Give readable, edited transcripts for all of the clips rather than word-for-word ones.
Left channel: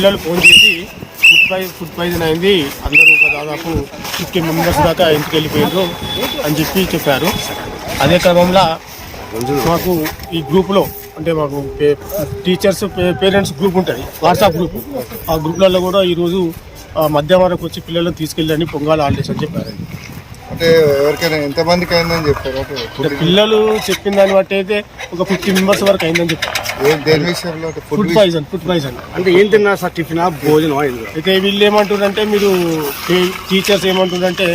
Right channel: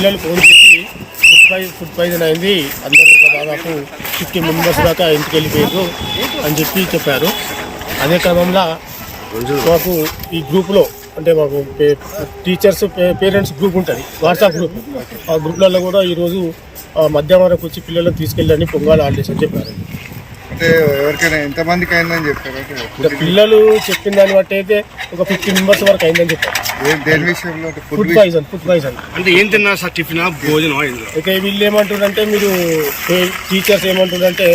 పిల్లలు ఫోన్ చేసి food poison అయింది, అందరూ ఒక దాదాపు 50 మెంబర్స్ దాకా ఇంటికి వెళ్ళిపోయారు అని చెప్పారు. అదే క్రమంలో మాకు ఈ గ్రూప్లో అంటే మాకు టీచర్స్ పేరెంట్స్ గ్రూప్ ఉంటుంది, వాట్సాప్ గ్రూప్. ఆ గ్రూప్లలో కూడా ఈరోజు మధ్యాహ్నం వరకు వచ్చి పిల్లలను తీసుకెళ్ళని పొంగాలి హాలిడేస్ అని చెప్పారండి. అంటే ఎవరికైనా ఎంతమందికి అయిందని చెప్పారు? అంటే పిల్లలు చెప్పిన దాన్ని బట్టి అయితే ఒక 50 మెంబర్స్ వరకు అయిందని చెప్పారు. దేని విషయంలో? ఫుడ్ పాయిజన్ అంటే ఏం తిన్నా సార్? టిఫిన్ భోజనం అయింది. అయితే వీళ్ళు ఏమంటారంటే, మీరు టీచర్స్ ఏమంటారంటే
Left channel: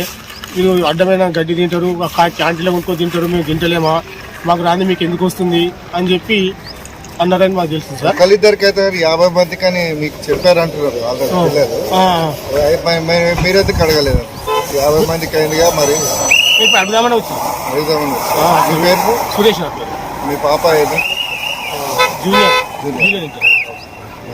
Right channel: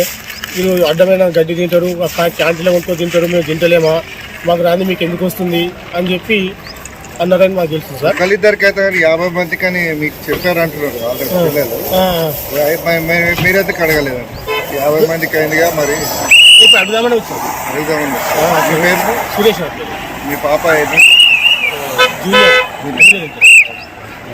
మీరు అడ్డమైన గడ్డి తింటారు, క్యాంటీన్లో కొనుక్కొని తింటారు, మేము తింటలేమా, మాకు రాని మీకు ఎందుకు వస్తుంది అని చెప్పి అన్నారని మాకు తెలుసు సార్. ఒకళ్ళిద్దరికైతే 50 మందికి అని మీకు చెప్పారంటున్నారు. మీరైతే అడగలేదండి. 50 మందికి అయిందిగా, మరి ఇప్పుడు అడుగుదామని వచ్చాం. మీ పేరు? సురేష్ నా పేరు. మీ పాప ఏది? జూనియర్.